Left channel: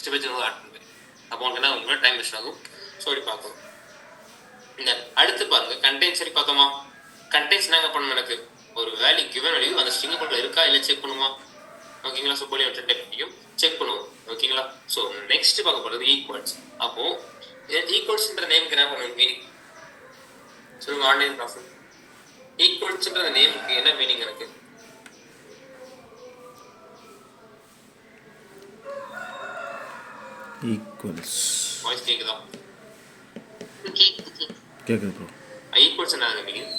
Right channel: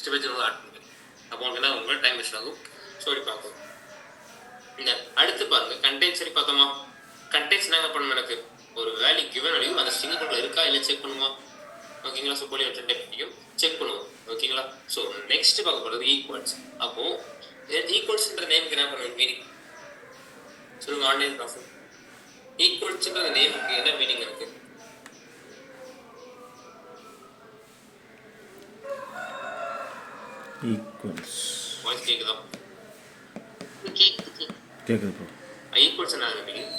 Next page add பண்ணுவேன். அப்போ உங்களுக்கு என்ன உங்களுக்கு டைம் வேஸ்ட் ஆகும். ஸோ இப்படி பார்க்கும். இந்த அடுத்து பாருங்க கண்டெய்ன்ஸ் சரி பார்த்தோமா. கண்டெய்ன்ஸ் என்ன பண்ணணும், எனக்கு ஒரு வேல்யூ கிவன் வேல்யூ அந்த ஸ்ட்ரிங்குக்குள்ள இருக்கா இல்லை செக் பண்ணுமா. ஓகேங்களா. ஸோ போலி ரெண்டு டைப்பையும் செக் பண்ணுவோம். ஓகேங்களா. ஸோ நெக்ஸ்ட் பார்க்க போகிறது ஈக்குவல்ஸ். அப்போ ஈக்குவல்ஸ்ன்ற நேமுக்கு என்ன பண்ணுவோம் மீனிங் சொல்லுங்க. ஆன்லைன் ப்ராஃபிட் ஈக்குவல்ஸ்ன்ற நேமுக்கு என்ன மீனிங் எனக்கு ஈக்குவல்ஸ் வாய்ஸ் கேக்குதா? கேக்குது ப்ரோ. ஈக்குவல்ஸ் என்ன மீனிங்?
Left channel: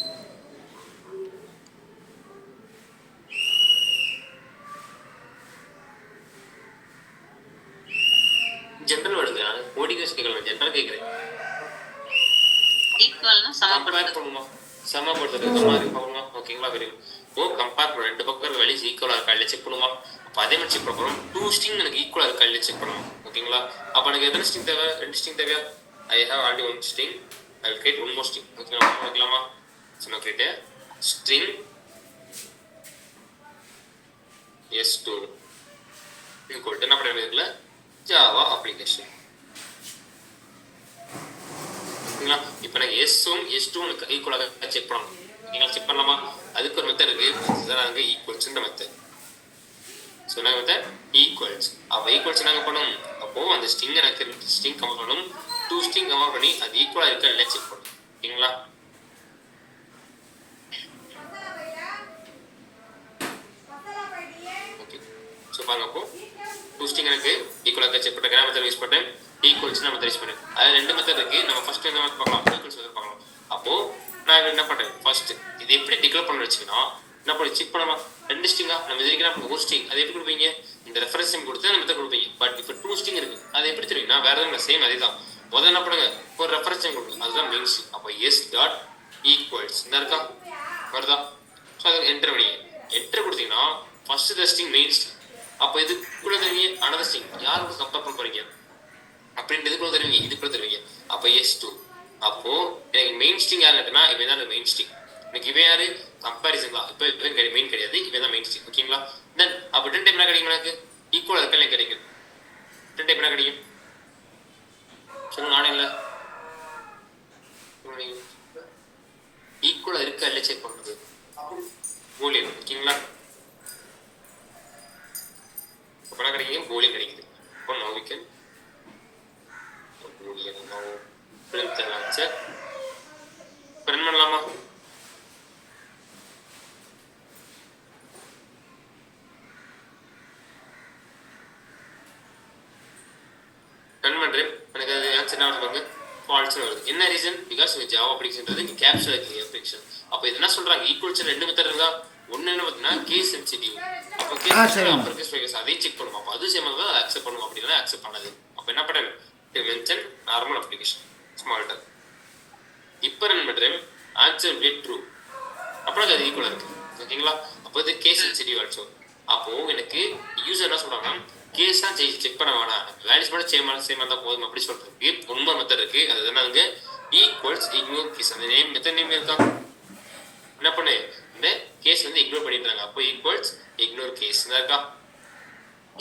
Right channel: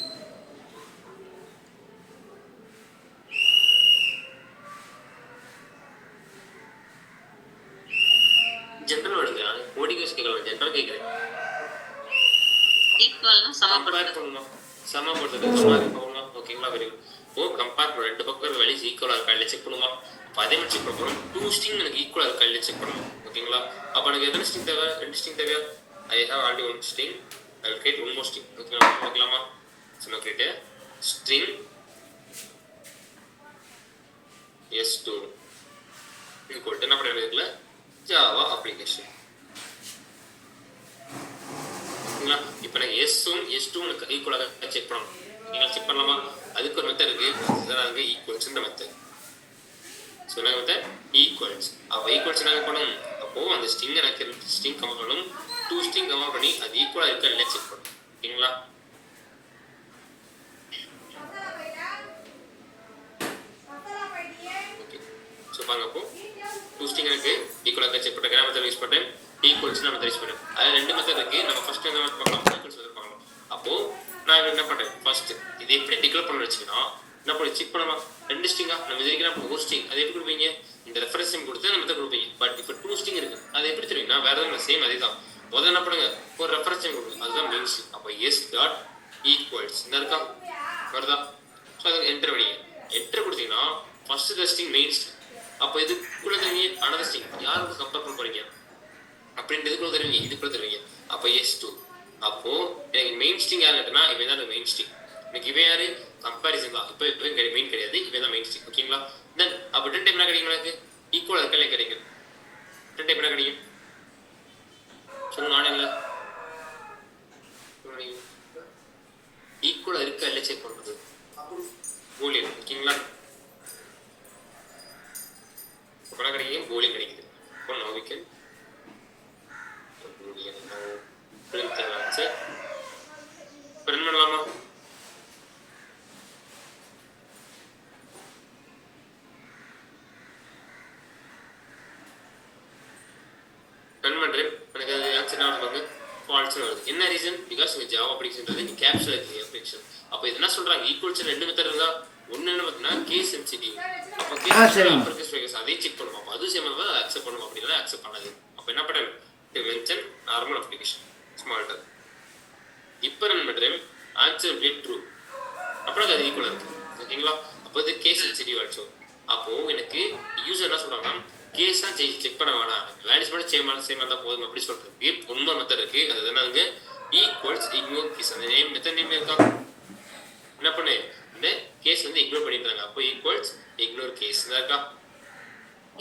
ஜெனரல் வருது. கோடிங் கேட்கலாம். ஜெனரல் கேட்குறேன். ஈக்குவல்னா சமப்படுத்தணும். சமப்படுத்துறது சமமா இருக்குமா. ஓகேங்களா. Very good. ஓ கம்பேர் பண்ண ரெண்டு பக்கம் வேல்யூஸ் ஈக்குவலா இருக்கா இல்லை செக் பண்ணுமா. அப்போ அதே மாதிரி செக் பண்ணுறோம். 2 ஸ்ட்ரிங் எனக்கு ஈக்குவலா இருக்கா இல்லை செக் பண்ணுவோம். ஓகேங்களா. அப்போ எனக்கு எத்தனை ஸ்ட்ரிங் தேவை? 2 ஸ்ட்ரிங் தேவையா? I have already 1 string. I will create 1 more string. ஓகேங்களா. ஓகேலாமா. ஸோ நான் create string s2 equal to என்ன பண்ணுறதுல ஜாவா அப்ளிகேஷன். ஓகேங்களா. இப்போ நான் S1 S2 ஈக்குவலாக செக் பண்ணணும். நீங்கள் செக் பண்ணலாமா. அதுக்கு ஒரு மெத்தட் இருக்குது. ஈக்குவல்ஸ்ன்ற மெத்தட். ஸோ என்ன மெத்தட் ஈக்குவல்ஸ். அப்போ ஈக்குவல்ஸ் நாங்கள் பண்ணணும். அப்போது அந்த ஸ்ட்ரிங் எனக்கு ஸ்ட்ரிங் கம்பேர் பண்ணணும். 2 ஸ்ட்ரிங் கம்பேர் பண்ணி அது ஈக்குவலாக இருக்கா இல்லை செக் பண்ணணும். ஓகேங்களா. ஓகே. ஸோ பாருங்க அப்போ 2 ஸ்ட்ரிங் எனக்கு ஈக்குவலாக செக் பண்ணுற மெத்தட் யூஸ் பண்ணுறேன். ஈக்குவல்ஸ் நம்ம யூஸ் பண்ணுறோம். அதில் 2 மெத்தட் இருக்குது. நம்ம ஃபர்ஸ்ட் என்ன பார்க்கலாம். ஈக்குவல்ஸ் வந்து பார்க்கலாம். அப்போது நான் என்ன பண்ணுறேன் ஃபர்ஸ்ட் இது எப்படி டிக்ளேர் பண்ண வச்சுக்கன்னா என்ன பண்ணி செக் பண்ணலாம். 2 ஸ்ட்ரிங்கா நம்ம இது வரைக்கும் ஒரு ஸ்ட்ரிங் அது எப்படி கொடுப்பீங்க. இந்த ரெஃபரன்ஸ் டைம் கொடுத்து நம்ம கொடுப்பீங்க. பட் இப்போ 2 ஸ்ட்ரிங் இருக்கு. அது எப்படி தெரியும்னா வேற எதுவும் சேம் அதே தான். முதல்ல என்ன பண்ணுங்க ஒரு ரெஃபரன்ஸ் டைம் கொடுங்க. அதுதான் மெயின் ஸ்ட்ரிங். அப்போ எஸ் டாட் ஈக்குவல்ஸ் இந்த இருக்கா வருதா. ஸோ அதை என்டர் பண்ணி என்டர் கொடுத்தீங்கன்னா first the string main string. அப்போ இதுக்குள்ள தருவீங்க அனதர் ஸ்ட்ரிங் யாருக்கு கம்பேர் பண்ண போறீங்க அப்படின்ட்டு இதுக்குள்ள தருவீங்க. இதுக்குள்ள தருவீங்க. அப்போ S2 அப்போ எனக்கு மெயின் ஸ்ட்ரிங் யார் இருக்குன்னா இவன் தான் மெயின் ஸ்ட்ரிங். எனக்கு இவன் யாரு கம்பேரிசன் தான். இப்போ மெயின் கிடையாது. இவன் தான் மெயின் ஸ்ட்ரிங். ஓகேங்களா. தென் அப்போ ரிட்டன் டைப் என்ன கிடைக்கும் எனக்கு ஈக்குவல் இருக்கா இல்லை கிடைக்கும். ரிட்டன் டைப் என்ன கிடைக்கும் சொல்லுங்க. நானே இல்லை ஈக்குவலா இருக்கா இல்லை செக் பண்றது பூலியன். ஓகேங்களா. அப்போ என்ன கிடைக்கும் பூலியன் கிடைக்குது. அப்போ no we can boolean no print the answer. Print பண்ணலாமா. ரன் பண்ணுறேன். எனக்கு அது ஆன்சர் என்ன வருவாங்க ஃபால்ஸ்னு வருது. என்ன ரீசன் பிகாஸ் ஜாவா அப்ளிகேஷன்றது நீ கேப்சர் அப்ளிகேஷன். அப்போ இது என்ன சொல்றாங்க ஈக்குவல்ஸ் 2 மெத்தட் இருந்தா ஒன்று என்ன பார்த்தீங்கன்னா கேஸ் சென்சிட்டிவ். அப்போ கேஸ் அப்பர் கேஸ் ஃபைகஸ் அதையும் செக் பண்ணுவோம். அப்போ அது சேம் தான் அதை அக்செப்ட் பண்ணுவோம். அப்படின்னா அக்செப்ட் பண்ணாது. அப்போ என்ன பண்ணுறேன் மென்ஷன் நார்மல் அப்ளிகேஷன் ஸ்மால்டர். இப்போ ரன் பண்ணுறேன் ஆன்சர் வில் ட்ரூ. அப்புறம் அது ஈக்குவலாக இருக்கு. ஓகேங்களா. அப்போ இது கேஸ் சென்சிட்டிவ் ஆச்சு. அப்போ எனக்கு யூசர் என்ன சொல்றாங்கன்னா கேஸ் தான் செக் பண்ண வேணாம் வேல்யூஸ் மட்டும் சேம் தான் போதும் அப்படி சொல்றதுக்கு ரொம்ப மெத்தட் இருக்கு. அது என்னங்க ஈக்குவல்ஸ் இக்னோர் கேஸ். அந்த நேம் மெத்தட் நேம் இருக்கா என்ன பண்ணு இந்த கேஸ் வந்து இக்னோர் பண்ணிடுறாங்க. அப்போ ஈக்குவல்ஸ் இக்னோர் கேஸ் இருக்கா.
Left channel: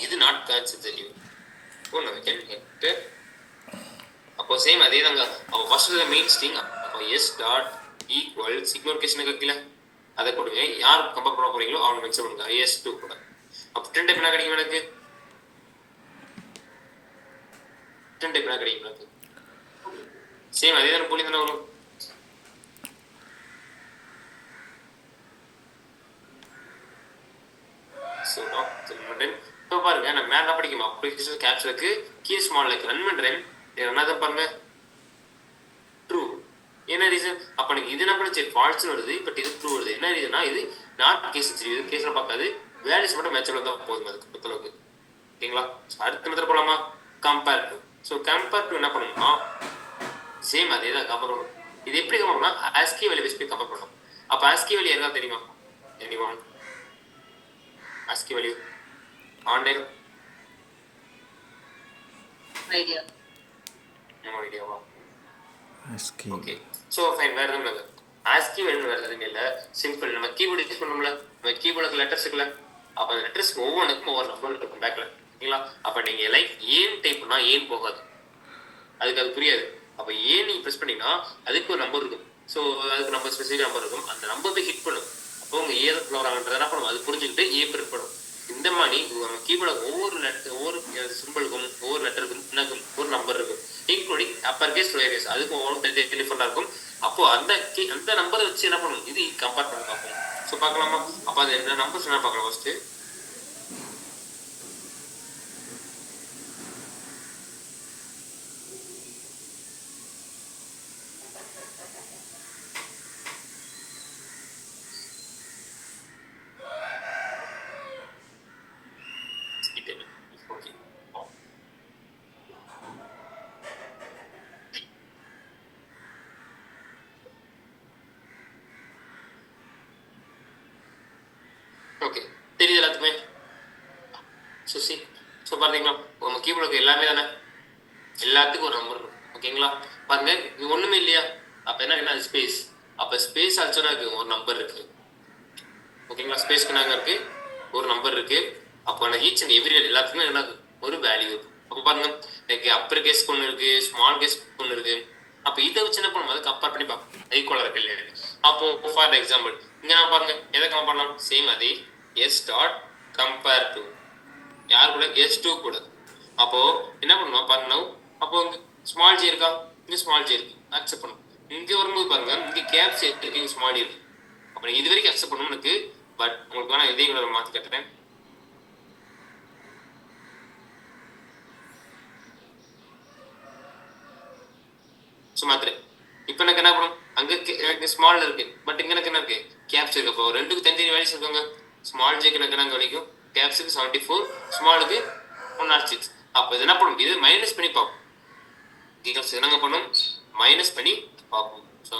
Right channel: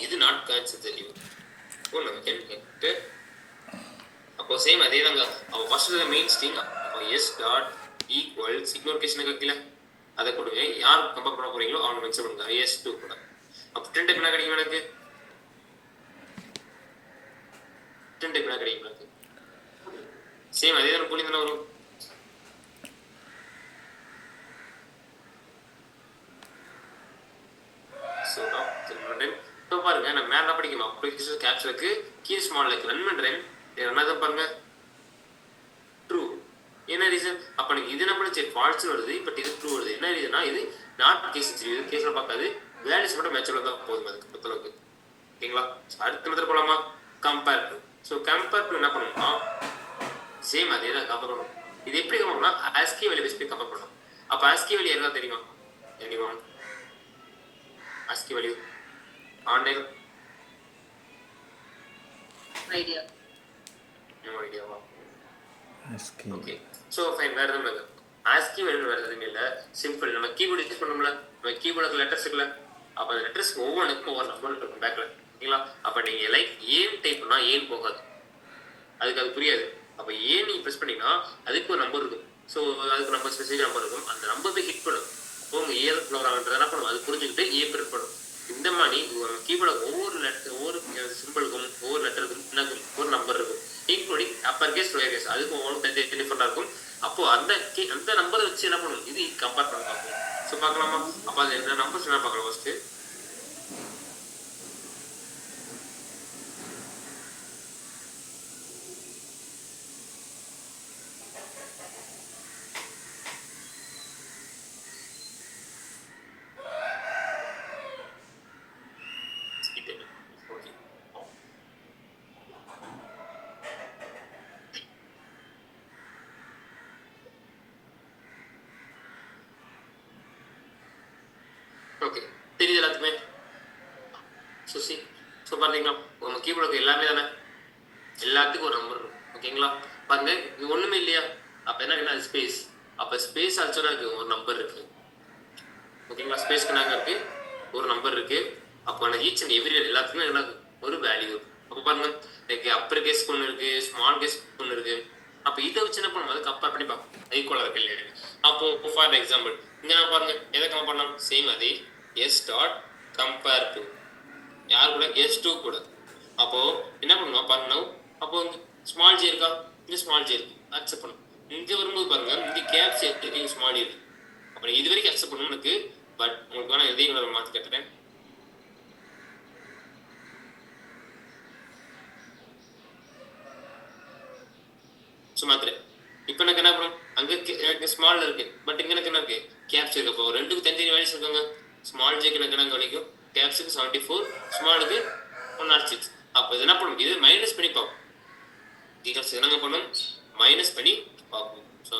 இது நாட் சென்சிட்டிவ். அப்போ சேம் அதே தாங்க. அப்போ ஃபர்ஸ்ட் மெயின் ஸ்ட்ரிங் அப்போ S dot equals ignore case இருக்குல்ல அதை கொடுங்க. யார் கம்பேர் பண்ண போறீங்களோ அவங்க மென்ஷன் பண்ணுங்க S2 கூட. அப்போ ரிட்டன் டைப் என்ன கிடைக்கும் எனக்கு ரிட்டன் டைப் என்ன கிடைக்கும் எனக்கு சேம் அதே தானே போலி தானே வரும். ஸோ இப்போ பாருங்க நான் மேலே படிக்கணும். அப்ளிகேஷன் கேப்சருக்கு கீ ஸ்மால் லைக் ரன் பண்ணுறேன். என்னதான் பாருங்க ட்ரூ. என்ன ரீசன் அப்போ எனக்கு இது என்ன பண்ணுச்சு ஃபால்ஸ்னு வருது. பட் இது ட்ரூ வருது. என்ன ரீசன்னா இது நாட் கேஸ் இது கேஸில் பார்க்காது வேல்யூஸ் மட்டும் மேட்ச் தான் போதும் அதுக்கு பொறுத்தளவுக்கு. ஓகேங்களா. அடுத்த மெத்தட் போகலாமா compare to. So compare to என்ன பண்ணணும்னா சேம் அதே தான் கம்பேர் பண்ணணும். இது எப்படி கம்பேர் பண்ணலாம் ஆஸ்கி வேல்யூ பேஸ் போய் கம்பேர் பண்ணணும். அப்போ ஆஸ்கி வேல்யூ எதாவது தெரியுமா anyone ASCII value online idea ஐடியாவா ஓகே. ஸோ ஃபைன் வேறு எதுவும் இல்லை. ஆஸ்கி வேல்யூ வேறு எதுவுமே இல்லை. சிம்பிள் நம்ம கீபோர்டு யூஸ் பண்ணோம்ல நம்ம கீபோர்டுக்கு லெட்டர்ஸ் இருக்குல்ல அப்போ அந்த லெட்டர்ஸ்க்கு ஒவ்வொன்றுக்கும் ஒவ்வொரு நம்பர் இருக்கும் பேக்கில். ஓகேங்களா. அப்போ நீங்கள் லைக் ஏன்னு டைப் பண்ணால் ஏன்னு போகாது, அதுக்கு அது புரியாது. அப்போ ஏன் நீங்கள் ப்ரெஸ் பண்ணிங்கன்னா அதுக்கு ஒரு நம்பர் இருக்கும். ஸோ அதுக்கு நம்பர் ஸ்பெசிஃபிக் நம்பர் இருக்கும், அந்த நம்பர் போய் ஹிட் பண்ணும். அப்போ உங்கள் ஏ வராங்கன்றது என்ன பண்ணும், அது புரிஞ்சுக்கிட்டு ஏ பிரிண்ட் பண்ணும். இந்த மாதிரி கீபோர்டு ஒவ்வொரு சிம்பிளுக்கும் ஒவ்வொரு லெட்டருக்கும் என்ன ஒரு நம்பர் இருக்கும், including upper case lower case, அதுக்கு ஒவ்வொரு டிஃபரெண்டாக இருக்கும். அப்போ அந்த நம்பரை வச்சு என்ன பண்ணும், இது கம்பேர் பண்ணி பார்ப்போம். ஸோ பார்க்கலாமா? அப்போ அது என்ன நம்பர்ஸ் என்ன பார்க்கலாம் ஃபர்ஸ்ட்டு. ஓகே, தெரியுது எல்லாத்துக்குமே? சுசி ஸோ பார்த்தீங்களா, உங்க கீபோர்டுக்கு எல்லாமே தானே, எல்லாத்துக்கும் ஒரு நம்பர் இருக்கும். ஓகேங்களா? பாருங்க, இது ஒண்ணுமே இல்லையா, அப்போ என்ன ஸ்பேஸ், அப்போ ஸ்பேஸ் ஆச்சுன்னா ஒரு நம்பர் இருக்கு. ஓகேங்களா? ஸ்பேஸ்க்கு நாங்கள் இருக்கு ஒரு நம்பர் இருக்கு. அப்போ எனக்கு ஈச் அண்ட் எவ்ரி எல்லாத்துக்குமே என்ன ஒரு வேல்யூ இருக்கும். அப்போ பாருங்க, எனக்கு அப்பர் கேஸ்க்கு ஒன்று இருக்கு, ஸ்மால் கேஸ்க்கு ஒன்று இருக்கு. அப்போ இதை வச்சு என்ன பண்ணுவோம், அதை கம்பேர் பண்ணி பார்ப்போம் ஈக்குவலாக இருக்கு இல்லையா. அப்போ ஃபார் எக்ஸாம்பிள் இங்கே நான் பாருங்க எதை கம்பேர் பண்ணலாம், சேம் அதே எஸ் டாட் கம்பேர் டு யார் கூட, S2 கூட. அப்போ என்ன பண்ணுவோம் பாருங்க, அப்போ ஸ்மால் ஜே இருக்கா, இங்கே ஸ்மால் ஜே இருக்கு, அக்செப்ட் பண்ணும். இங்கே வரும்போது பாருங்க, இங்கே கேப்ஸ் இருக்கு, இங்கே ஸ்மால் இருக்கு. அப்போ இது வரைக்கும் அக்செப்ட் பண்ணணும் எனக்கு, பட் உங்களுக்கு வேணா இதையும் கூட மாற்றி கட்டுறேன். ஸோ மாத்திரேன். இப்போ எனக்கு என்ன பண்ணும், அங்கே ஸ்மால் இருக்கு, பட் இங்கே எனக்கு என்ன இருக்கு, கேப்ஸ் இருக்கு. அப்போ ரெண்டுக்கு தனித்தனி வேல்யூஸ் இருக்காங்க. ஸ்மால் ஜேக்கு எனக்கு என்ன கிடைக்கும், கேப்ஸுக்கு 74, ஸ்மாலுக்கு 106. அப்போ இது என்ன பண்ணும், இது மைனஸ் பண்ணி பார்ப்போம். என்னங்க பண்ணும், மைனஸ் பண்ணி பார்ப்போம். ஸோ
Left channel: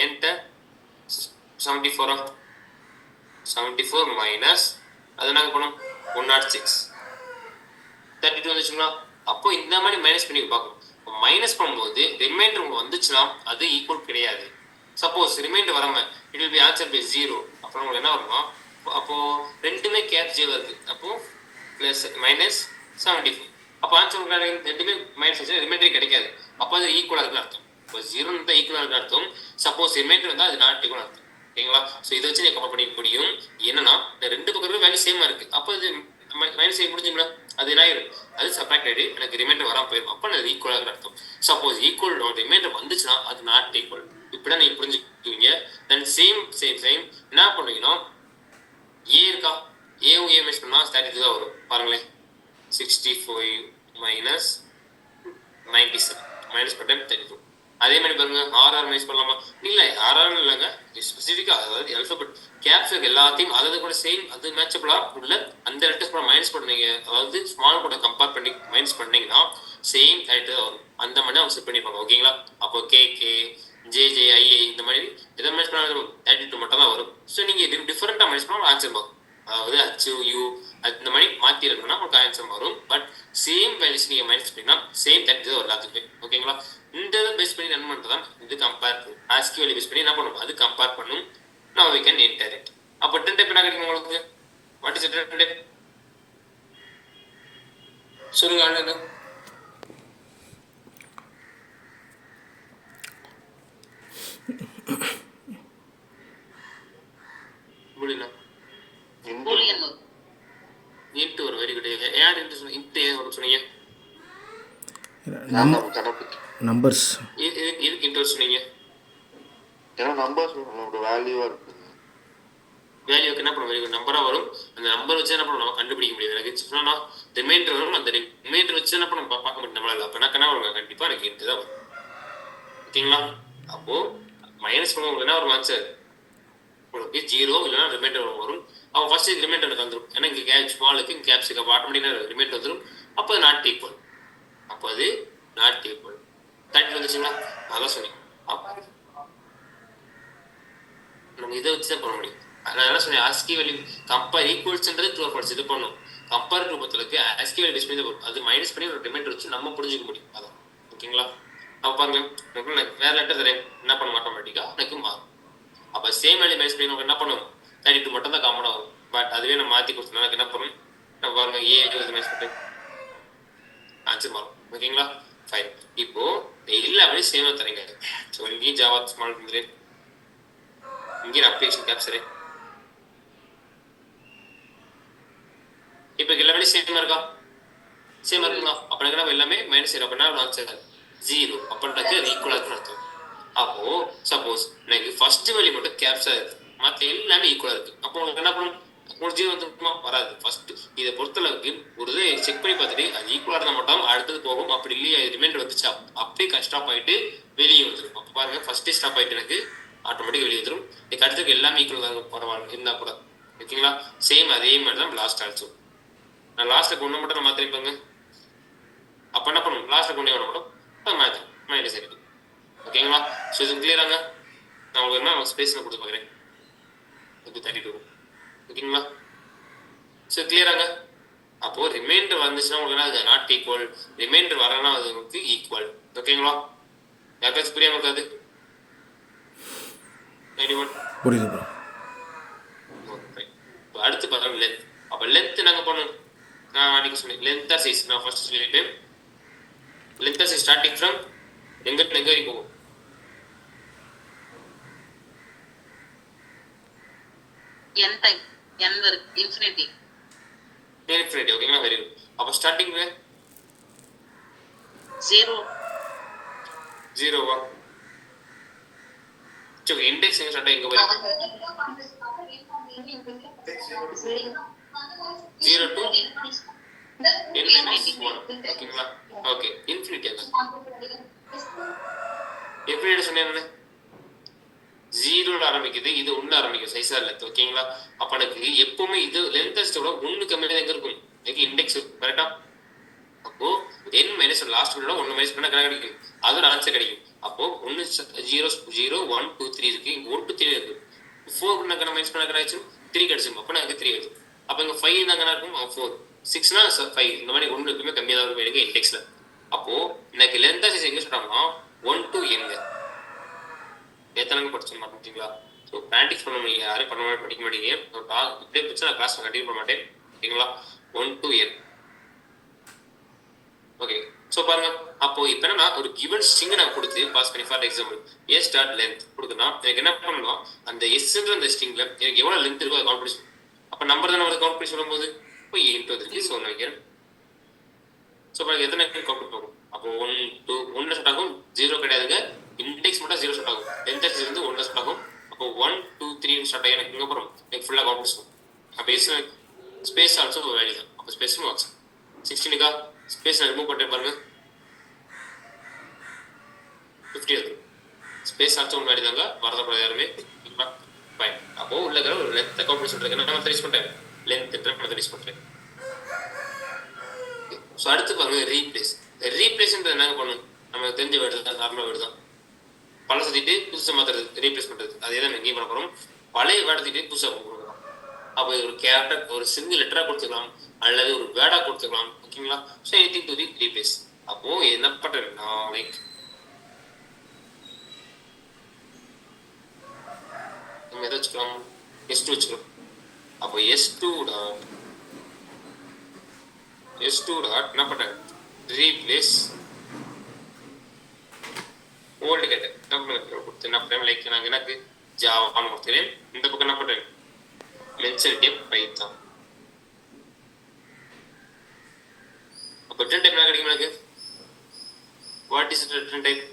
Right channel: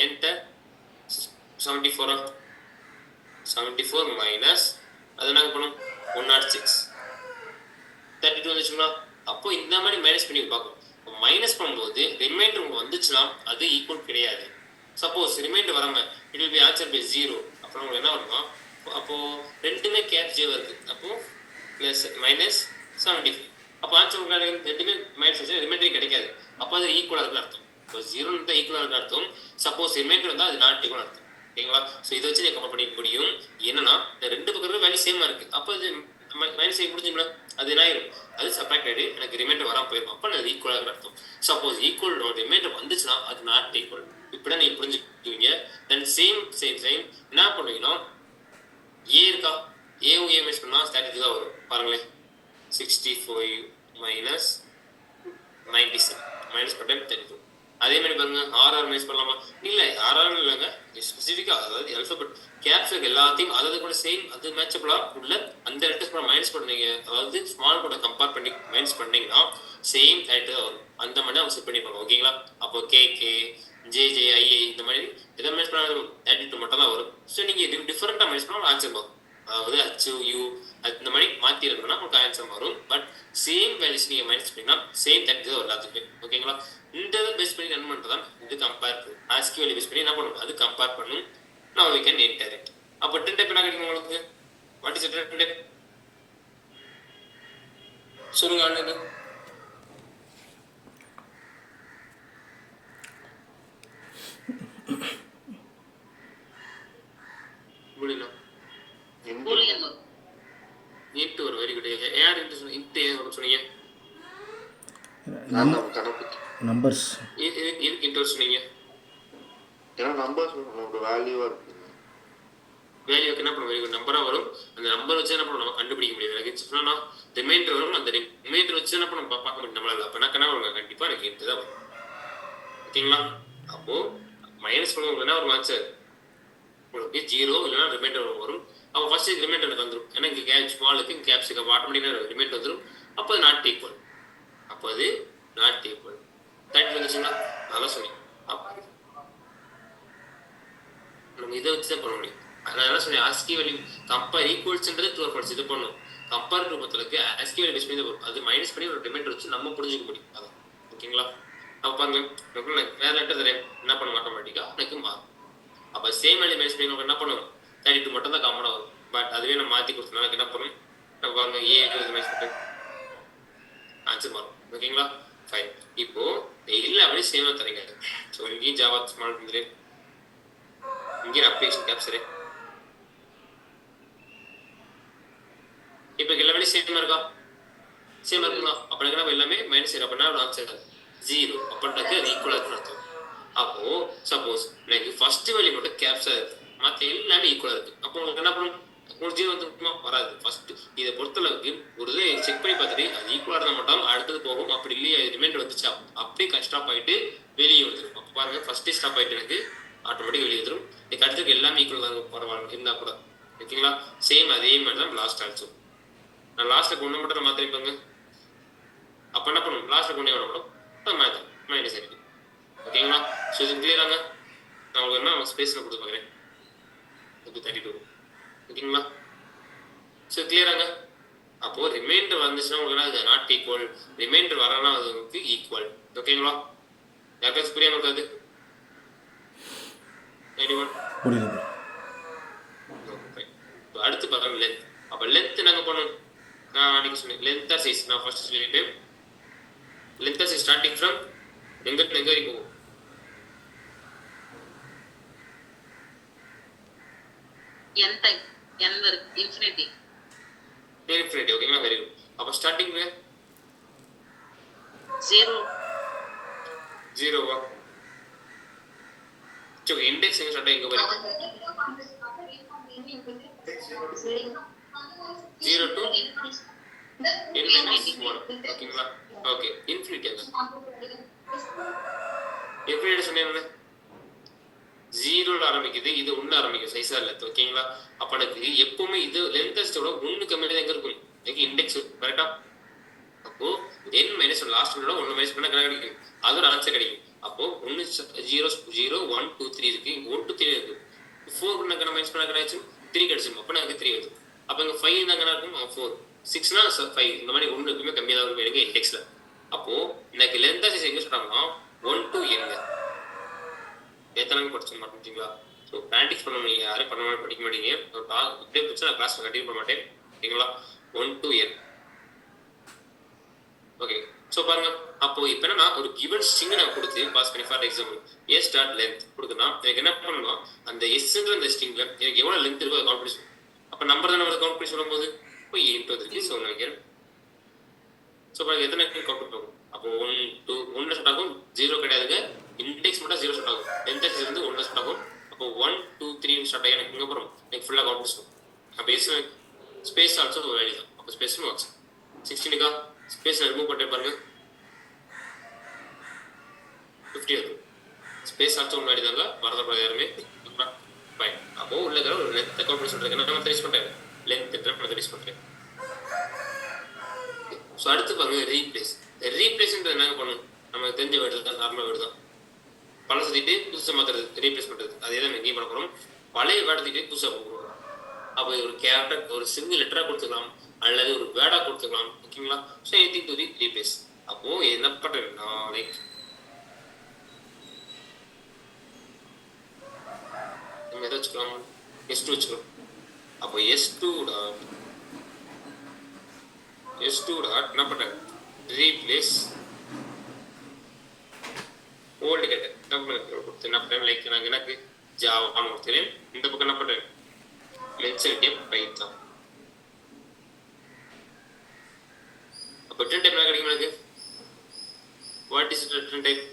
என்கிட்ட 74 மைனஸ் அது என்னங்க பண்ணும் 106, 32 வந்துச்சுங்களா. அப்போ இந்த மாதிரி மைனஸ் பண்ணி பார்க்கணும். மைனஸ் பண்ணும்போது ரிமைண்டர் வந்துச்சுன்னா அது ஈக்குவல் கிடையாது. சப்போஸ் ரிமைண்டர் வராம it will be answer by 0. அப்புறம் உங்களுக்கு என்ன வருமா, அப்போ ரெண்டுமே கேப் ஜே வருது, அப்போ பிளஸ் மைனஸ் 74. அப்போ ஆன்சர் ரெண்டுமே மைனஸ் வச்சு ரிமைண்டரே கிடைக்காது. அப்போ அது ஈக்குவலாக இருக்குன்னு அர்த்தம். இப்போ 0 தான் ஈக்குவலாக இருக்குன்னு அர்த்தம். சப்போஸ் ரிமைண்டர் வந்தால் அது நாட் ஈக்குவல் அர்த்தம். ஓகேங்களா? ஸோ இதை வச்சு நீங்கள் கம்பேர் பண்ணிக்க முடியும். என்னன்னா இந்த ரெண்டு பக்கம் வேல்யூ சேமாக இருக்கு, அப்போ இது மைனஸ் செய்ய முடிஞ்சுங்களா, அது என்ன ஆயிரும், அது சப்ராக்ட் ஆகிடு, எனக்கு ரிமைண்டர் வராமல் போயிடும். அப்போ அது ஈக்குவலாக அர்த்தம். சப்போஸ் ஈக்குவல் ரிமைண்டர் வந்துச்சுன்னா அது நாட் ஈக்குவல். இப்படிதான் நீங்கள் புரிஞ்சுக்குவீங்க. தென் சேம் என்ன பண்ணுவீங்கன்னா, ஏ இருக்கா, ஏவும் ஏ மைனஸ் பண்ணால் ஸ்டாட்டிக் தான் வரும். பாருங்களேன், 65 மைனஸ் 97 மைனஸ் பண்ண 32. அதே மாதிரி பாருங்க, ஆர்ஆர் மைனஸ் பண்ணலாமா, இல்லை ஆர்ஆர் இல்லைங்க, ஸ்பெசிஃபிக்காக அதாவது அல்ஃபபெட் கேப்ஸ் எல்லாத்தையும் அதாவது கூட சேம் அது மேட்சபிளாக உள்ள அந்த லெட்டர்ஸ் கூட மைனஸ் பண்ணீங்க, அதாவது ஸ்மால் கூட கம்பேர் பண்ணி மைனஸ் பண்ணீங்கன்னா சேம் டைட்டு வரும். அந்த மாதிரி அவங்க செட் பண்ணிப்பாங்க. ஓகேங்களா? அப்போ கேகே ஜேஜேஐஏ இந்த மாதிரி எதை மைனஸ் பண்ணாலும் 32 மட்டும் தான் வரும். ஸோ நீங்கள் டிஃப்ரெண்ட்டாக மைனஸ் பண்ணால் ஆன்சர் வரும். அதாவது ஹச் யூ இந்த மாதிரி மாற்றி இருக்கணும்னா உங்களுக்கு ஆன்சர் வரும். பட் சேம் வேல்யூஸ் நீங்கள் மைனஸ் பண்ணிங்கன்னா சேம் டைட்டு தான் எல்லாத்துக்குமே. ஓகேங்களா? இந்த இதை பேஸ் பண்ணி ரன் பண்ணுறது தான் இது கம்பேர் பண்ணும். ஆஸ்கி வேல்யூ பேஸ் பண்ணி என்ன பண்ணும், அது கம்பேர் பண்ணும். Now we can enter it. அப்போ 10 டைப் என்ன கிடைக்கும் உங்களுக்கு, வாட் இஸ் 10 டைப் சொல்லுங்க ஆளுங்க. புரியல, இன்ட் ஒரு வெரி குட். யார் இன்ட் சொன்னீங்க, இன்ட் ஏன் சொன்னீங்க, நம்பர்ஸ் இதுக்கு இன்ட் சொன்னீங்க, ஏன்னா நம்பர்ஸ் ஒரு வேல்யூவா இருக்கு. வேல்யூக்கு என்ன பண்ணும், வெரி நம்பராக வரும். அந்த நம்பர் வச்சு என்ன பண்ணும் நம்ம கண்டுபிடிக்க முடியாது. எனக்கு சொன்னா ரிமைண்டர் வரும், அந்த ரிமைண்டர் வச்சு என்ன பண்ணும் பார்க்க முடியும் நம்மளால. அப்போ என்ன வருங்க, கண்டிப்பாக எனக்கு இன்ட்டு தான் வரும். ஓகேங்களா? அப்போ மைனஸ் பண்ண உங்களுக்கு என்ன வரும் ஆன்சர், உங்களுக்கு 0 இல்லைன்னா ரிமைண்டர் வரும். அப்போ ஃபர்ஸ்ட் ரிமைண்டர் எனக்கு வந்துடும். ஏன்னா இங்கே கேப் ஸ்மாலுக்கு கேப்ஸுக்கு அப்போ ஆட்டோமேட்டிக்காக ரிமைண்டர் வந்துடும். அப்போ அது நாட் ஈக்குவல். அப்போ அது நாட் ஈக்குவல். தேர்ட்டி வந்துச்சுங்களா, நல்லா சொன்னீங்க. நம்ம இதை வச்சு தான் பண்ண முடியும். அதனால சொன்னேன் ஆஸ்கி வேல்யூ கம்பேர் ஈக்குவல்ஸ்ன்றது ட்ரூ ஃபால்ஸ் இது பண்ணும். கம்பேர் ட்ரூ பொறுத்தளவுக்கு ஆஸ்கி வேல்யூ பேஸ் பண்ணி வரும். அது மைனஸ் பண்ணி ஒரு ரிமைண்டர் வச்சு நம்ம புரிஞ்சுக்க முடியும். அதான் ஓகேங்களா? அப்போ பாருங்க, வேற லெட்டர் தரேன், என்ன பண்ணும் ஆட்டோமேட்டிக்காக எனக்கு மாறும். அப்போ சேம் வேல்யூ மைனஸ் பண்ணி நம்ம என்ன பண்ணுவோம், 32 மட்டும் தான் காமனாக வரும். பட் அதுவே நம்ம மாற்றி கொடுத்தோம்னா என்ன பண்ணும், நம்ம பாருங்க ஏ மைனஸ் பண்ணி ஆன்சர் மாறும். ஓகேங்களா? ஃபைன். இப்போ எல்லாமே சேமா தரீங்க. ஸோ இங்கேயும் ஜாவா ஸ்மால் பண்ணுறது, இங்கேயும் அப்ளிகேஷன் கேப்சரு. இப்போ எல்லாமே சேமா இருக்கா? சேமா இருக்குங்களா? அப்போ எனக்கு எல்லாமே மைனஸ் 0 அப்படின்னா ஆன்சர் 0 அப்படின்றது அது ஈக்குவலாக இருக்குன்னு அர்த்தம். அப்போ சப்போஸ் எனக்கு ஃபர்ஸ்ட் வேல்யூ மட்டும் கேப்சர் இருக்கு, மற்ற எல்லாமே ஈக்குவலாக இருக்கு. அப்போ உங்களுக்கு என்ன பண்ணணும்? உங்களுக்கு 0 வந்துருக்குமா? வராது. ஃபர்ஸ்ட் இதை பொறுத்தளவுக்கு ஒரு இதை செக் பண்ணி பார்த்துட்டு அது ஈக்குவலாக இருந்தால் மட்டும் அடுத்தது போகும். அப்படி இல்லையா ரிமைண்டர் வந்துச்சு அப்படியே ஸ்டாப் ஆகிட்டு வெளியே வந்துடும். அப்போ பாருங்க ஃபர்ஸ்டே ஸ்டாப் ஆகிட்டு எனக்கு ஆட்டோமேட்டிக் வெளியே வந்துடும். எனக்கு அடுத்ததுக்கு எல்லாமே ஈக்குவல் தான் பரவாயில்ல இருந்தால் கூட. ஓகேங்களா? சேம் அதே மாதிரி தான் லாஸ்ட் ஆல்சோ. நான் லாஸ்ட்டுக்கு ஒன்று மட்டும் நான் மாற்றிருப்பாங்க. அப்போ என்ன பண்ணணும்? லாஸ்ட்டுக்கு ஒன்றே ஒன்று மட்டும் மாற்றி மைனஸ் இருக்கு. ஓகேங்களா? ஸோ இது கிளியராங்க? நான் உங்களுக்கு என்ன ஸ்பேஸில் கொடுத்து பார்க்குறேன். இது 32. ஓகேங்களா? ஸோ கிளியராங்க? அப்போது ரிமைண்டர் வந்துச்சுன்னா உங்களுக்கு அது நாட் ஈக்குவல், ரிமைண்டர் வரனா அது உங்களுக்கு ஈக்குவல். ஓகேங்களா? யாருக்காச்சும் புரியாமல் இருக்காது? புரியுது. அடுத்து பாருங்க லென்த். அப்போ லென்த் நாங்கள் பண்ணணும். நான் அன்றைக்கி சொன்னேன் லென்த் ஆர் சைஸ். நான் ஃபர்ஸ்ட் சொல்லிவிட்டேன் length or size starting from எங்கே வரைக்கும் போகும்? n டைம் n வரை இன்ஃபினிட்டி. இன்ஃபினிட்டி. ஓகேங்களா? Very good. அப்போ ஸ்டார்டிங் 0வா? சரி, இண்டெக்ஸ் எங்க ஸ்டார்ட் எங்க வரைக்கும்? 0 to n minus 1. ஓகேங்களா? Okay, infinity. இன்ஃபினிட்டி சொன்னேன் 0ல ஆரம்பிக்குது, இது 1 ஆரம்பிக்கும் சைஸா இல்லை. ஓகேங்களா? அப்போ எனக்கு எப்பவுமே இது லென்த்தஸ்டோட 1 கம்மியாக எங்க இருக்கும்? எனக்கு இண்டெக்ஸ் கரெக்டா? அப்போ n மைனஸ் லாஸ்ட் விட 1 மைனஸ் பண்ணா கிடைக்கும், அதோட ஆன்சர் கிடைக்கும். அப்போ 1 0 0 1 2 3 இருக்கு, 1 2 3 இருக்கு. 4 நான் மைனஸ் பண்ணா கிடைக்கும் 3 கிடைச்சிடும். அப்போ எனக்கு 3 வருது. அப்போ இங்கே 5 தாங்க இருக்கும் 4, 6னா 5. இந்த மாதிரி 1 இருக்குமே கம்மியாக தான் இருக்கும் எனக்கு இண்டெக்ஸ்ல. அப்போ எனக்கு லென்த்தா சைஸ் எங்க சொல்றாங்கன்னா 1 to n. எத்தனை படிச்சு மாட்டீங்களா? ஸோ ப்ராக்டிஸ் பண்ண முடியும். யாரும் படிக்க மாட்டீங்க. இப்படியே பிடிச்சா நான் கிளாஸ் கண்டினியூ பண்ண மாட்டேன். ஓகேங்களா? 1 to n. ஓகே, ஸோ பாருங்க. அப்போ இப்போ என்னன்னா ஒரு கிவன் ஸ்ட்ரிங்கை நான் கொடுத்து பாஸ் பண்ணி for example a start length கொடுக்குன்னா எனக்கு என்ன பண்ணணும்? அந்த எஸ்ன்ற அந்த ஸ்ட்ரிங்ல எனக்கு எவ்வளோ லென்த் இருக்கோ அதை கவுண்ட் பண்ணி சொல்லணும். அப்போ நம்பர் தான் நம்ம கவுண்ட் பண்ணி சொல்லும்போது இப்போ இன்ட்டு வந்துருக்கு. ஸோ நான் வைக்கிறேன். ஸோ பாருங்க எத்தனை கவுண்ட் போகும்? அப்போ 1 2 1 ஸ்டார்ட் ஆகும், 0 கிடையாதுங்க. இண்டெக்ஸ் மட்டும் 0 ஸ்டார்ட் ஆகும். லென்த் ஆக்சிஸ் வந்து 1 ஸ்டார்ட் ஆகும். அப்போ 1 2 3 ஸ்டார்ட் ஆகி எனக்கு இங்கே போகிறோம். எனக்கு ஃபுல்லாக கவுண்ட் பண்ணி சொல்லணும். அப்போ எஸ் ஸ்பேஸ் ஆல்சோ வேல்யூ தான். அப்போ ஸ்பேஸும் வாட்ஸ் 16க்கா ஸ்பேஸ் நான் ரிமூவ் பண்ணிட்டு பாருங்க 50 வரும். ஸ்பேஸ் ஆல்சோ ஒன்று வேல்யூ தாங்க, வரதப்படாது யாருமே. ஃபைன். அப்போ உள்ள ஒரு லென்த் அக்கௌண்ட் பண்ணி சொல்கிறேன். நான் யூஸ் பண்ணுறேன் லென்த் யூஸ் பண்ணுறேன். ஸோ அடுத்து பாருங்க ரீப்ளேஸ். ரீப்ளேஸ்ன்றது என்னங்க பண்ணும்? நம்ம தெரிஞ்ச வேர்டு தான், நார்மல் வேர்டு தான். பழசை தூக்கிட்டு புதுசாக மாற்றுறது, ரீப்ளேஸ் பண்ணுறது. அதே தான் எங்கேயும் பண்ண போகிறோம். பழைய வேர்டை தூக்கிட்டு புதுசாக கொடுக்குறோம். அப்போ ஒரு கேரக்டர் ஒரு சிங்கிள் லெட்டராக கொடுத்துக்கலாம் அல்லது ஒரு வேர்டாக கொடுத்துக்கலாம். ஓகேங்களா? So anything to replace. அப்போது என்ன பண்ணுறேன்னா லைக் நம்ம எதை வச்சுக்கலாம்? S2 வச்சுக்கலாம். அப்போ S2 டாட் என்ன பண்ணுறேன்? ரீப்ளேஸ் ஓல்டு கேட்டேன் கொடுத்து என்ன பண்ணுறேன்? லைக் நாங்கள் எனக்கு ஜாவான்னு கொடுத்துறேன். இந்த பக்கம் என்ன பண்ணுறேன்? Mention type Python. அப்போ ரிட்டர்ன் டைப் என்ன கிடைக்கும் எனக்கு? What is return type?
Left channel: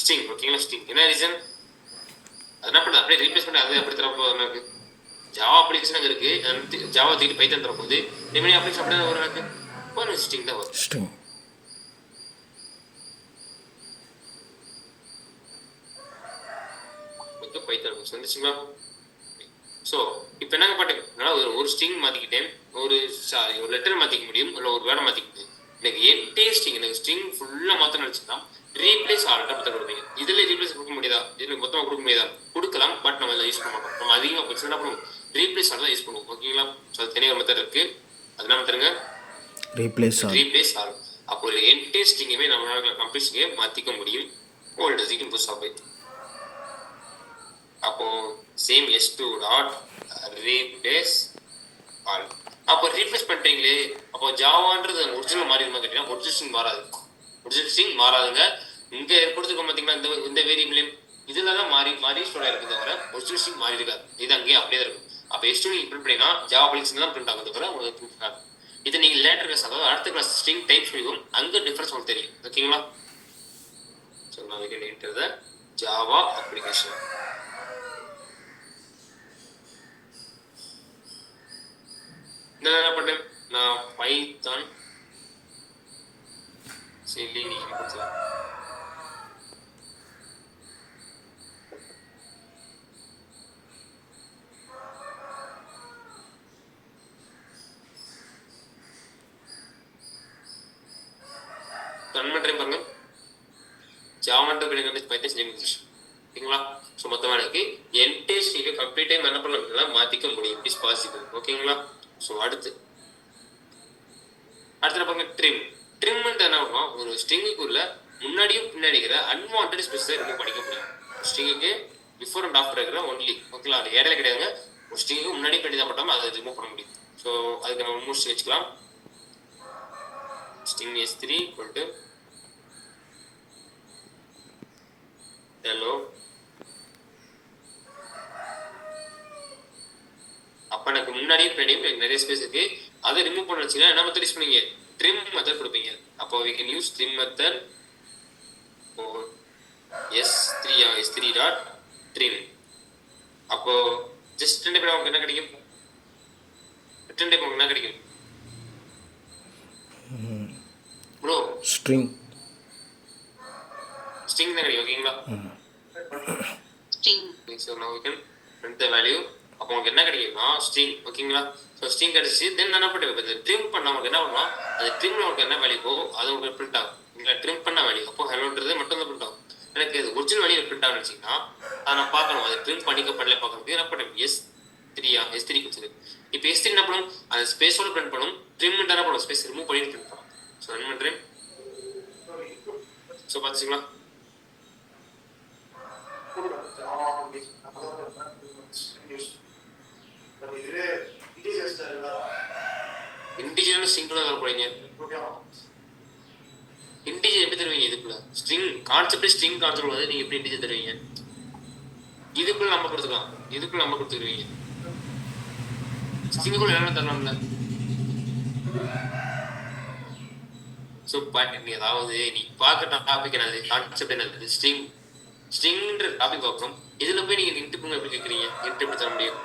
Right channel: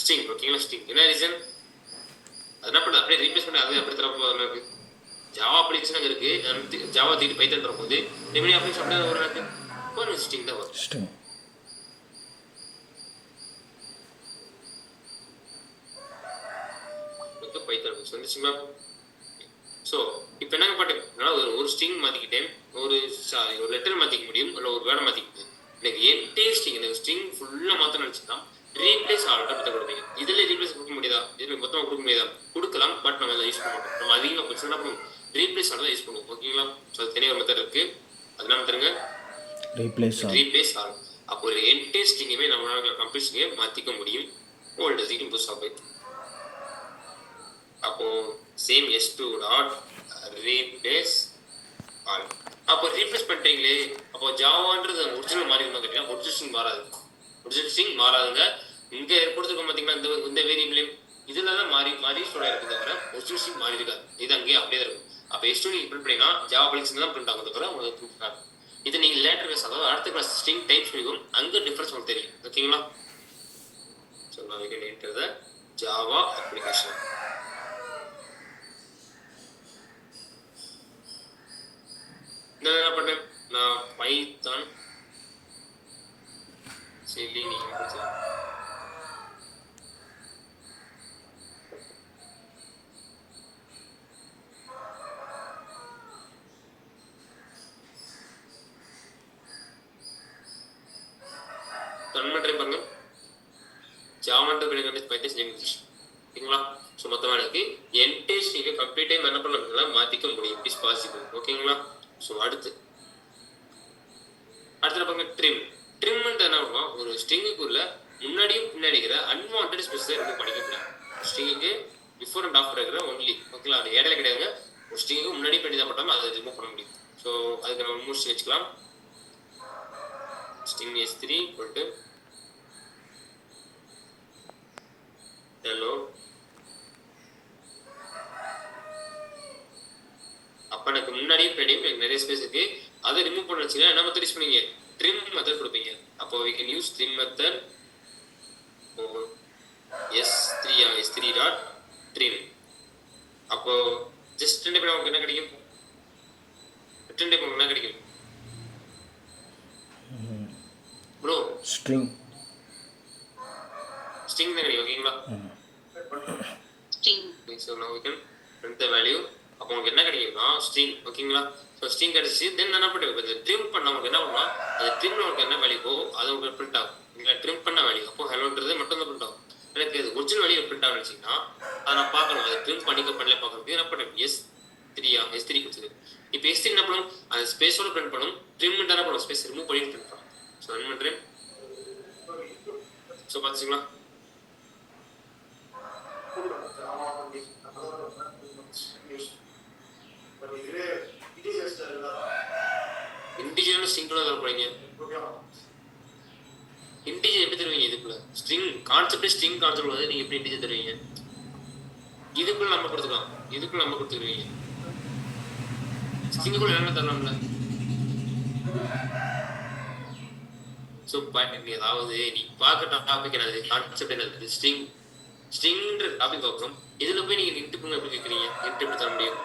String. ஓகேங்களா? ஸ்ட்ரிங். என்ன ரீசன்? அது என்ன பண்ணுறது? அப்படியே ரீப்ளேஸ் பண்ணி அதே அப்படி தரப்போ எனக்கு ஜாவா அப்ளிகேஷன் அங்கே இருக்குது. ஜாவா தூக்கிட்டு பைத்தான் தரப்போகுது. ரெமெடி அப்ளிகேஷன் அப்படியே தான் வரும். எனக்கு ஒரு ஸ்ட்ரிங் தான் வரும். பைத்தான் வந்துச்சுங்களா? ஸோ இப்போ என்னங்க பாட்டுங்க ஒரு ஸ்ட்ரிங் மாற்றிக்கிட்டேன், ஒரு லெட்டர் மாற்றிக்க முடியும், இல்லை ஒரு வேர்டை மாற்றிக்க முடியும். எனக்கு என்டே ஸ்ட்ரிங் எனக்கு ஸ்ட்ரிங் ஃபுல்லாக மாற்ற நினச்சின்னா ரீப்ளேஸ் ஆல்ட்டை பற்றி கொடுப்பீங்க. இதில் ரீப்ளேஸ் கொடுக்க முடியாதா? இதில் மொத்தமாக கொடுக்க முடியாதா? கொடுக்கலாம், பட் நம்ம அதை யூஸ் பண்ண மாட்டோம். நம்ம அதிகமாக பிரச்சனை என்ன பண்ணுவோம்? ரீப்ளேஸ் ஆல் தான் யூஸ் பண்ணுவோம். ஓகேங்களா? ஸோ அது தனியாக ஒரு மெத்தட் இருக்குது. அது என்ன மெத்தடுங்க? Replace all. அப்போ ஒரு என்டே ஸ்ட்ரிங்குமே நம்மளால கம்ப்ளீட்ஸ்க்கே மாற்றிக்க முடியும். ஓல்டு ஸ்ட்ரிங் புதுசாக போய் அப்போ same S2 dot replace all. அப்போ ரீப்ளேஸ் பண்ணுறீங்களே, அப்போ ஜாவான்றது ஒரிஜினல் மாறிடுமா கேட்டீங்கன்னா ஒரிஜினல் ஸ்ட்ரிங் மாறாது. ஒரிஜினல் ஸ்ட்ரிங் மாறாதுங்க. இங்கே கொடுத்துருக்கோம் பார்த்தீங்கன்னா இந்த வேரியபிளையும் இதில் தான் மாறி மாறி ஸ்டோர் ஆகிருக்கு தவிர ஒரிஜினல் ஸ்ட்ரிங் மாறி இருக்காது. இது அங்கேயே அப்படியே தான் இருக்கும். அப்போ எஸ்டூ நீங்கள் பிரிண்ட் பண்ணிங்கன்னா ஜாவா அப்ளிகேஷன் தான் பிரிண்ட் ஆகும் தவிர உங்களுக்கு பிரிண்ட் ஆகும். இது நீங்கள் லேட்டர் கிளாஸ் அதாவது அடுத்த கிளாஸ் ஸ்ட்ரிங் டைப் சொல்லிக்கும் அங்கே டிஃப்ரென்ஸ் உங்களுக்கு தெரியும். ஓகேங்களா? ஸோ நான் we can enter the Java application. நான் என்ன பண்ணேன், நான் பைத்தான் சரி நீங்கள் கொடுத்துருக்கேன். ரன் பண்ணுறேன் பாருங்க. ஜாவான்ற பிள்ளைங்க வந்து பைத்தான் செஞ்சு முடிச்சிச்சு. ஓகேங்களா? ஸோ மொத்தமாக எனக்கு என்டேஜ் நீங்கள் கம்ப்ளீட் டைம் என்ன பண்ண மாற்றிக்க முடியும். It is possible. ஓகேங்களா? ஸோ அடுத்து பாருங்க ட்ரிம். ட்ரிம்ன்ட்டு என்ன பண்ணுவோம், ஒரு ஸ்ட்ரிங்குக்குள்ள முன்னாடியும் பின்னாடி இருக்கிற அன்வான்ட் ஸ்பேஸ் ரிமூவ் பண்ணிக்க முடியும். ஸ்ட்ரிங்குக்கு பிஃபோர் அண்ட் ஆஃப்டர் இருக்கிற ஒன்லி. ஓகேங்களா? அது இடையில கிடையாதுங்க. ஒரு ஸ்ட்ரிங்கு முன்னாடி பின்னாடி தான் போட்டாமல் அதை ரிமூவ் பண்ண முடியும். ஸோ அதுக்கு நம்ம மூணு வச்சுக்கலாம். ஸ்ட்ரிங் S3 போட்டு ஹலோ. அப்போ எனக்கு முன்னாடியும் பின்னாடியும் எனக்கு நிறைய ஸ்பேஸ் இருக்கு. அதை ரிமூவ் பண்ண வச்சுன்னா என்ன மெத்தட் யூஸ் பண்ணீங்க, ட்ரிம் மெத்தட் கொடுப்பீங்க. அப்போ we can use trim method for s3 dot trim. அப்போ ஜஸ்ட் ரிட்டர்ன் டைப் நமக்கு என்ன கிடைக்கும், ரிட்டர்ன் டைப் நமக்கு என்ன கிடைக்கும் ப்ரோ, ஸ்ட்ரிங் ஸ்ட்ரிங் தான் கிடைக்கும். ஓகேங்களா? String. So now we can print the value. அப்போ உங்களுக்கு என்ன கிடைக்கும்னா ஸ்ட்ரிங். ஓகேங்களா? ஸோ ஸ்ட்ரிங் கிடைச்சி தென் என்ன பண்ணிட்டு இந்த ட்ரிம் பண்ண உங்களுக்கு என்ன பண்ணுவோம், அது ட்ரிம்ல உங்களுக்கு என்ன வேல்யூ போகும் அது உங்களுக்கு பிரிண்ட் ஆகும். இல்லை ட்ரிம் பண்ண வேல்யூ அப்போ ஹெலோன்றது மட்டும் தான் பிரிண்ட் ஆகும். எனக்கு அது ஒரிஜினல் வேல்யூ பிரிண்ட் ஆகும்னு வச்சிங்கன்னா அதை நான் பார்க்கணும். அதை ட்ரிம் பண்ணிக்க பண்ணல பார்க்கணும். என்ன பண்ணேன் S3 கொடுத்துரு. இப்போ S3 என்ன பண்ணும், அந்த ஸ்பேஸோட பிரிண்ட் பண்ணும். ட்ரிம் என்ன பண்ணும், ஸ்பேஸ் ரிமூவ் பண்ணி பிரிண்ட் பண்ணும். ஸோ ரன் பண்ணுறேன். ஸோ பார்த்துச்சிங்களா? இன்டிஜர் சிங்கிள் வர போறீங்க. இன்டிஜர் எப்படி தருவீங்க இதுக்குள்ள, ஸ்ட்ரிங் கான்செப்ட் ஸ்ட்ரிங் கான்செப்ட் வந்து நீங்க எப்படி இன்டிஜர் தருவீங்க, இதுக்குள்ள நம்ம கொடுத்துக்கலாம், இதுக்குள்ள நம்ம கொடுத்துருவீங்க. ஸ்ட்ரிங்குக்குள்ள என்ன தரலாம்ல. ஸோ நீ அதாவது நீ பார்க்க டாபிக் என்னது, கான்செப்ட் என்னது, ஸ்ட்ரிங்ன்ற டாபிக் பார்க்கணும். இதுல போய் நீங்க இன்ட்டு எப்படி கேட்குறீங்க, இன்ட்டு எப்படி தர முடியும்.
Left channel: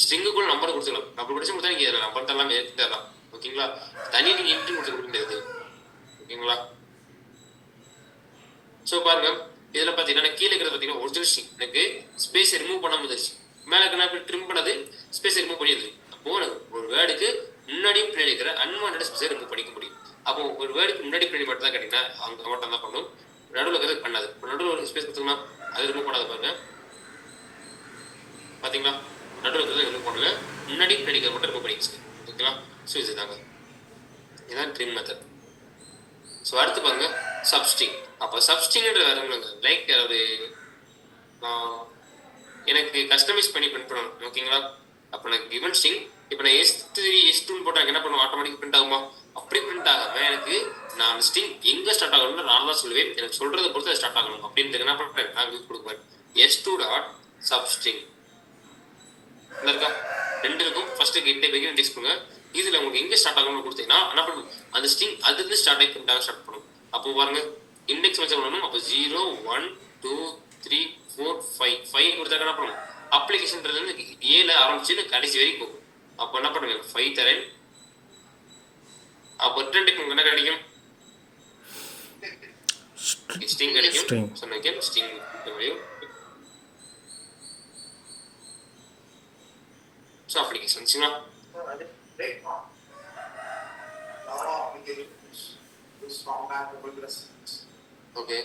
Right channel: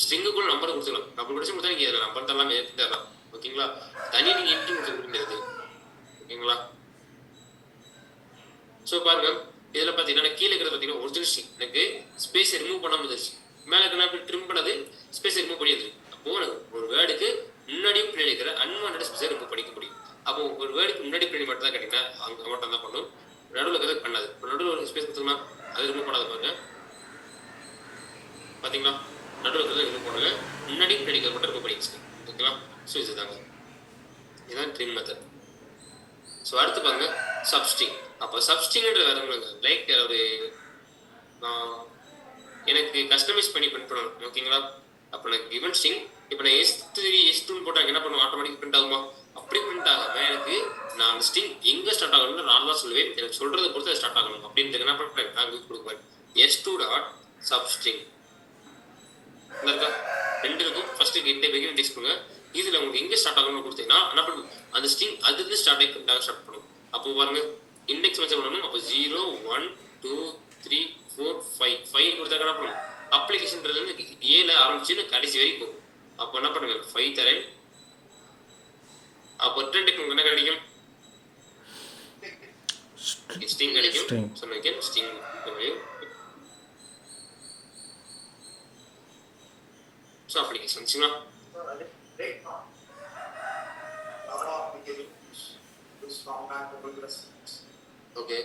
ஸ்ட்ரிங்குக்குள்ள நம்பர் கொடுத்துக்கலாம். நம்பர் கொடுத்து கொடுத்தா நீங்க நம்பர் தரலாம், எடுத்து தரலாம். ஓகேங்களா? தனியாக நீங்க இன்ட்டு கொடுக்க முடியாது. ஓகேங்களா? ஸோ பாருங்க இதில் பார்த்தீங்கன்னா கீழே இருக்கிறது பார்த்தீங்கன்னா ஒரிஜினல் ஸ்ட்ரிங் எனக்கு ஸ்பேஸ் ரிமூவ் பண்ண முடிஞ்சிருச்சு. மேலே இருக்கிற ட்ரிம் பண்ணது ஸ்பேஸ் ரிமூவ் பண்ணிடுது. அப்போ ஒரு வேர்டுக்கு முன்னாடியும் பின்னாடி இருக்கிற அன்வான்ட் ஸ்பேஸை ரிமூவ் பண்ணிக்க முடியும். அப்போ ஒரு வேர்டுக்கு முன்னாடி பின்னாடி மட்டும் தான் கேட்டீங்கன்னா அங்கே மட்டும் தான் பண்ணும், நடுவில் இருக்கிறது பண்ணாது. நடுவில் ஒரு ஸ்பேஸ் கொடுத்தோம்னா அது ரிமூவ் பண்ணாது. பாருங்க பார்த்தீங்களா, நடுவில் இருக்கிறது ரிமூவ் பண்ணல, முன்னாடி பின்னாடி மட்டும் ரிமூவ் பண்ணிடுச்சு. ஓகேங்களா? ஸோ இதுதாங்க, இதுதான் ட்ரிம் மெத்தட். ஸோ அடுத்து பாருங்க சப்ஸ்ட்ரிங். அப்போ சப்ஸ்ட்ரிங்ன்ற வேற ஒன்றுங்க, லைக் ஒரு எனக்கு கஸ்டமைஸ் பண்ணி பிரிண்ட் பண்ணணும். ஓகேங்களா? அப்போ எனக்கு கிவன் ஸ்ட்ரிங் இப்போ நான் S2 போட்டால் என்ன பண்ணுவோம், ஆட்டோமேட்டிக் பிரிண்ட் ஆகுமா? அப்படி பிரிண்ட் ஆகாம எனக்கு நான் அந்த ஸ்ட்ரிங் எங்கே ஸ்டார்ட் ஆகணும்னு நான் தான் சொல்லுவேன். எனக்கு சொல்றதை பொறுத்து அதை ஸ்டார்ட் ஆகணும். அப்படின்ட்டு என்ன பண்ணுறேன், நான் கொடுக்குவேன் S2 டாட் சப்ஸ்ட்ரிங். இருக்கா ரெண்டு இருக்கும். ஃபர்ஸ்ட் கிட்ட பிகின் இண்டெக்ஸ் பண்ணுங்க. இதுல உங்களுக்கு எங்க ஸ்டார்ட் ஆகணும்னு கொடுத்தீங்கன்னா என்ன பண்ணும், அந்த ஸ்ட்ரிங் அதுக்கு ஸ்டார்ட் ஆகி பிரிண்ட் ஆக ஸ்டார்ட் பண்ணும். அப்போ பாருங்க இண்டெக்ஸ் வச்சு பண்ணணும். அப்போ 0 1 2 3 4 5 5 கொடுத்தா என்ன பண்ணும், அப்ளிகேஷன்றது ஏல ஆரம்பிச்சு கடைசி வரைக்கும் போகும். அப்போ என்ன பண்ணுங்க 5 தரேன். அப்போ ரிட்டர்ன் டைப் என்ன கிடைக்கும், ஸ்ட்ரிங் கிடைக்கும். சொன்னேன் ஸ்ட்ரிங் வேல்யூ. ஸோ அப்ளிகேஷன்ஸ்ங்களா ஓகே